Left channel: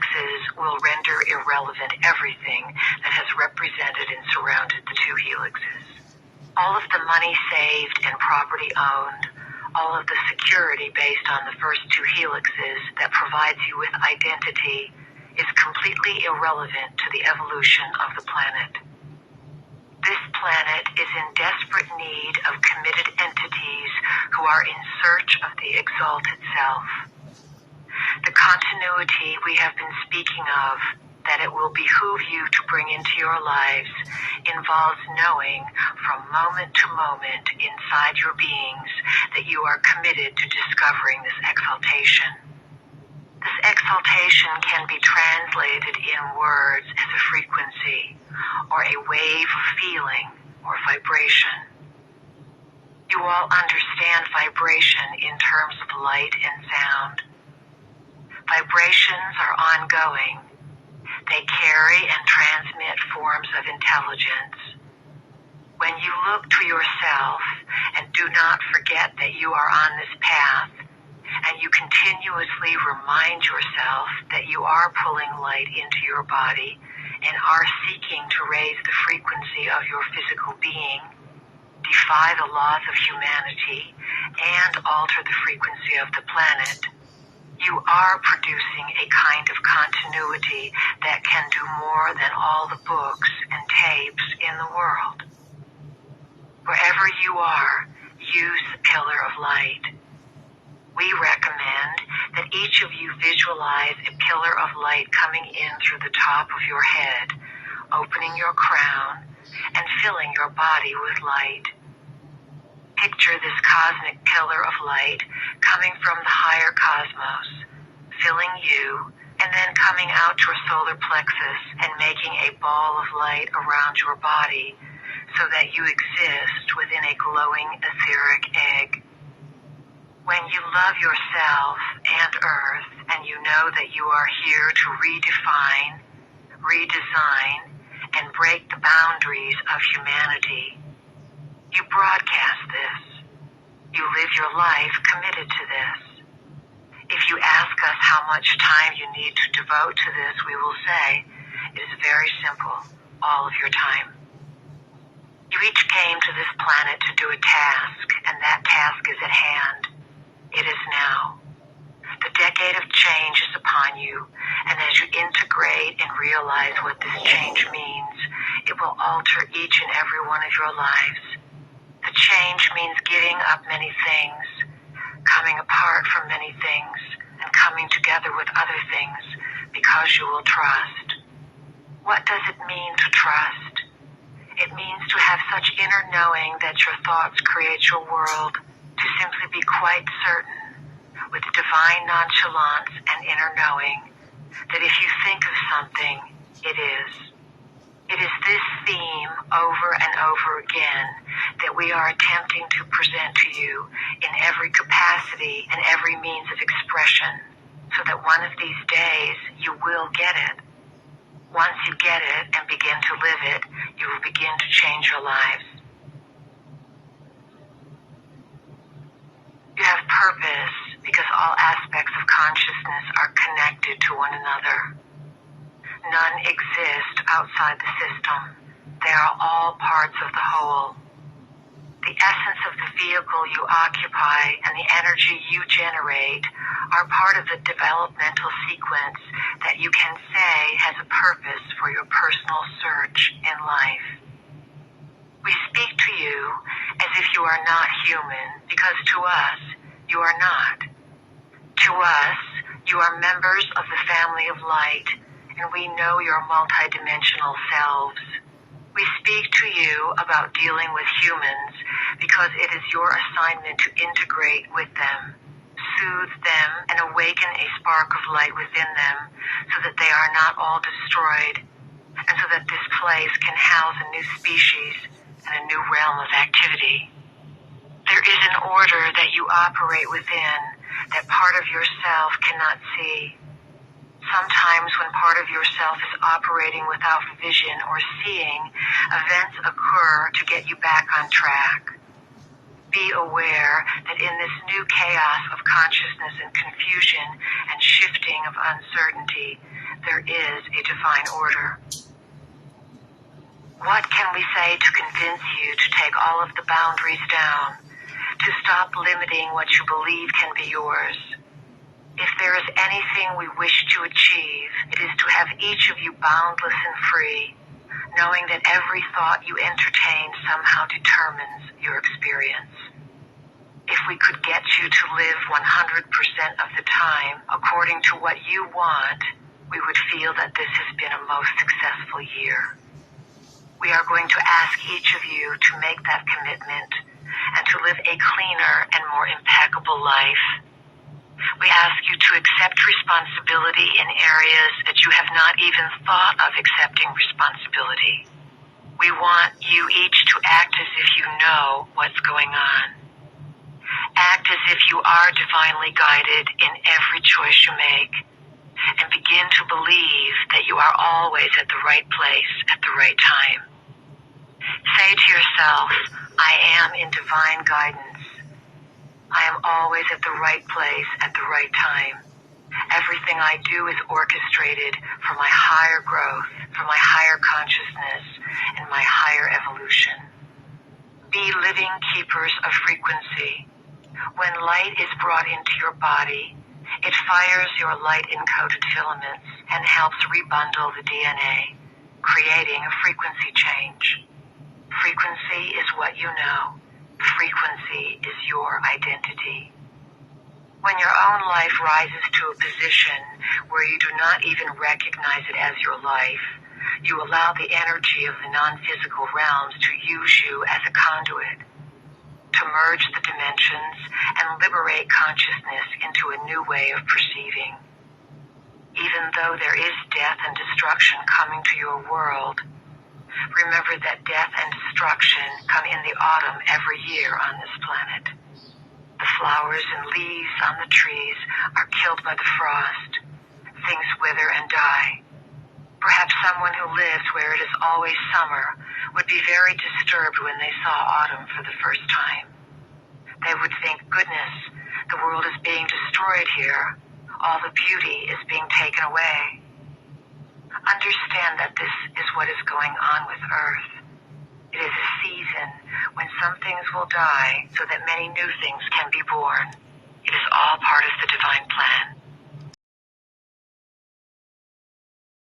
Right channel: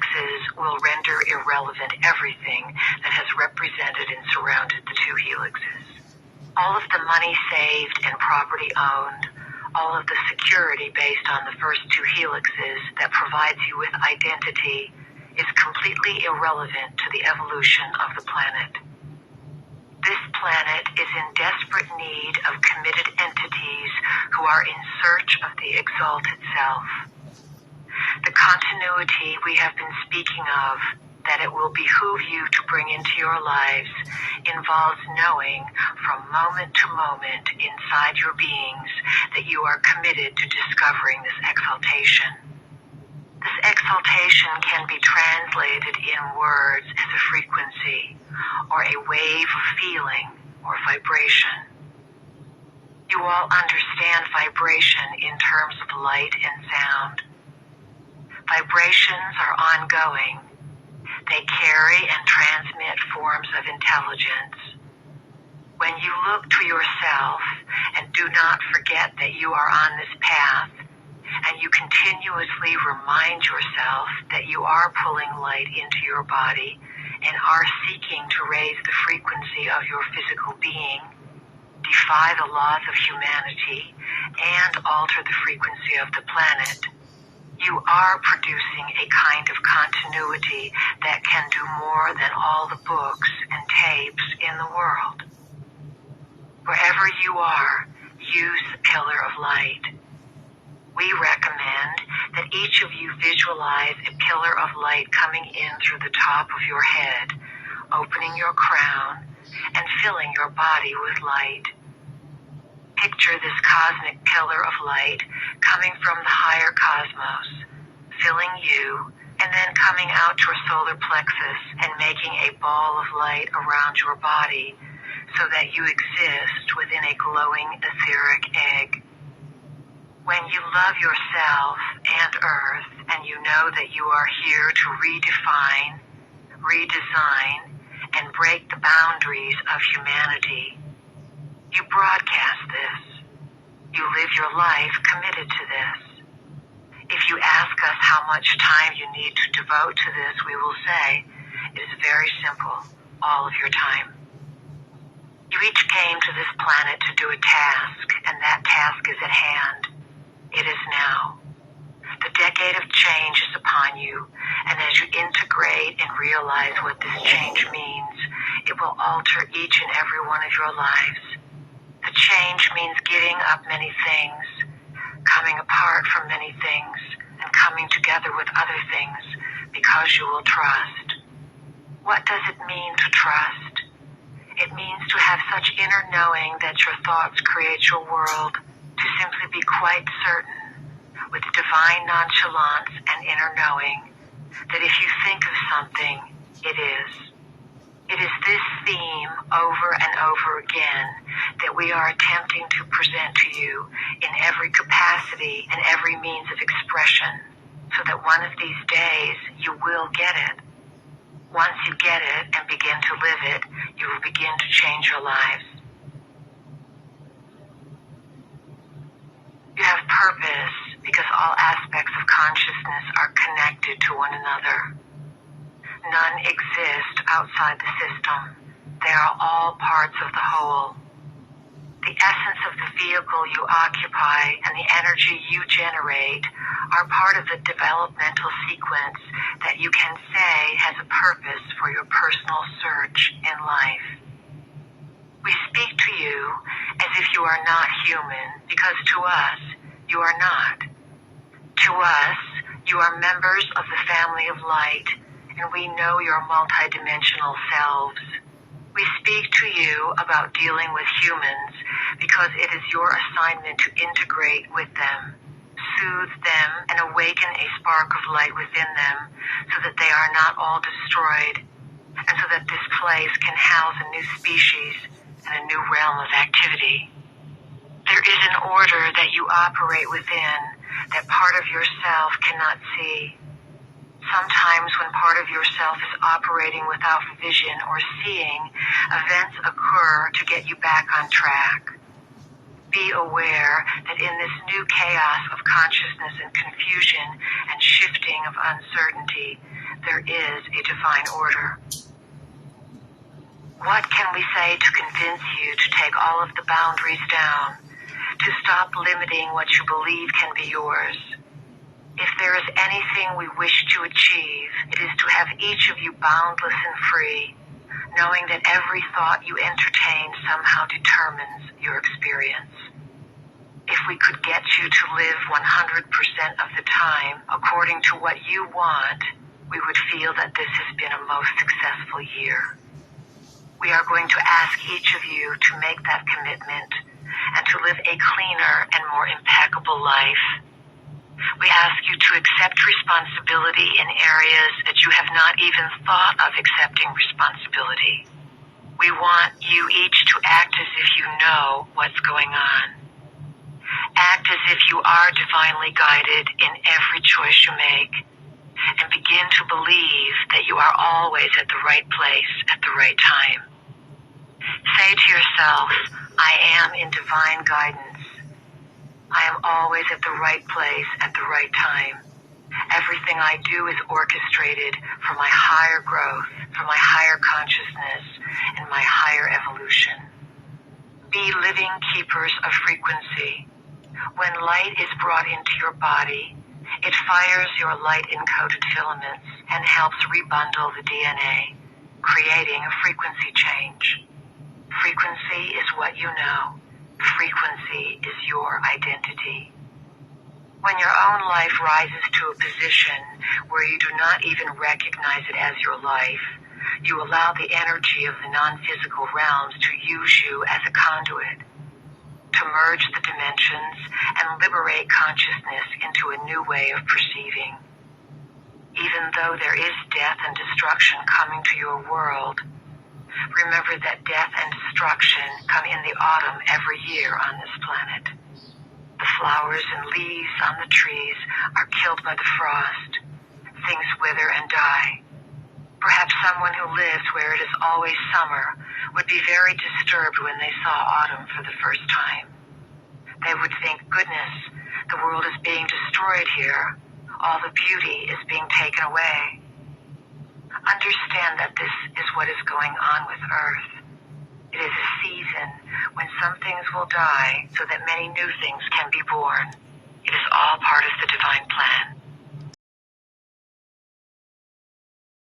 helixes will render irrelevant everything that has represented and surrounded the two helixes. All of the money saved and property owned, all of the security based on the first two helixes that provides you with identity, is completely irrelevant to the evolution of the planet. This planet is in desperate need of committed entities who are in search of the exalted self. The continuity we have been speaking of, that it will behoove you to bring into your lives, involves knowing from moment to moment inside your beings that you are committed to discovering this exaltation. This exaltation can be translated in words as a frequency, or a wave of feeling, or vibration. You all understand vibration in terms of light and sound. Vibrations are ongoing. They carry and transmit forms of intelligence. When you look to yourself and do not forget that you are on this path, and you continuously remind yourself that you are pulling light into your body and are seeking to raise the frequency of your physical being, defy the laws of humanity, and alter the frequency of the planet, you are producing a kind of continuity that can do more than all the books and tapes in the world. Wherever you are, use the pillar of light. We recommend that each of you visualize a pillar of light coming in through the top of your head, opening your crown, and filling your body with light. Picture this cosmic pillar of light coming from the higher cosmos, filling you, and then coming out to your solar plexus and making a ball of light around your body so that you exist within a glowing etheric egg. When you love yourself and Earth, and you know that you are here to redefine, redesign, and break the boundaries of humanity, you broadcast this. You live your life committed to this. If you ask us how much time you need to devote to this, we will say, it is very simple, all of your time. You each came to this planet to do a task, and that task is at hand. It is now. The decade of change is upon you, and as you integrate and realize what this change means, it will alter each and every one of your lives. The change means getting up many things, coming apart from many things, and coming together with other things, because you will trust. What does it mean to trust? It means to have such inner knowing that your thoughts create your world, to simply be quite certain, with divine nonchalance and inner knowing, that if you think of something, it is. It is this theme over and over again that we are attempting to present to you in every capacity and every means of expression, so that one of these days you will get it. Once you get it and begin to live it, you will begin to change your lives. You have purpose because all aspects of consciousness are connected to one another. None exist outside the system. They are all parts of the whole. The essence of the vehicle you occupy and the energy you generate are part of the developmental sequence that you can say has a purpose for your personal search in life. We speak to you as if you are not human, because to us, you are not. To us, you are members of the family of light, and we know your multidimensional selves. We speak to you about dealing with humans because it is your assignment to integrate with them, soothe them, and awaken a spark of light within them so that they are not all destroyed, and so that this place can house a new species and a new realm of activity. There is an order that you operate within that part of yourself cannot see. Sometimes when part of yourself is operating without vision or seeing, events occur to get you back on track. Be aware that in this new chaos of consciousness and confusion and shifting of uncertainty, there is a divine order. What can we say to convince you to take all of the boundaries down, to stop limiting what you believe can be yours? If there is anything we wish to achieve, it is to have each of you boundless and free, knowing that every thought you entertain somehow determines your experience. If we could get you to live 100% of the time according to what you want, we would feel that this has been a most successful year. We are going to ask each of you to make that commitment and to live a cleaner and more impeccable life. We ask you to accept responsibility in areas that you have not even thought of accepting responsibility. We want you each to act as if you know what's going on. Act as if you are divinely guided in every choice you make, and begin to believe that you are always at the right place at the right time. Say to yourself, I am in divine guidance. I am always at the right place at the right time. Everything I do is orchestrated for my higher growth, for my higher consciousness, and my higher evolution. Be living keepers of frequency. When light is brought into your body, it fires your light-encoded filaments and helps rebundle the DNA, creating a frequency change. Frequency is what you know. Frequency is your identity. When your own life rises to a position where you do not even recognize it as your life, you allow the energy of the non-physical realms to use you as a conduit, to merge the dimensions and liberate consciousness into a new way of perceiving. Even though there is death and destruction coming to your world, remember that death and destruction come in the autumn every year on this planet. The flowers and leaves on the trees are killed by the frost. Things wither and die. Perhaps someone who lives where it is always summer would be very disturbed when they saw autumn for the first time. They would think, goodness, the world is being destroyed here. All the beauty is being taken away. Understand that this is what is going on with Earth. It is a season when some things will die so that many new things can be born. It is all part of the divine plan.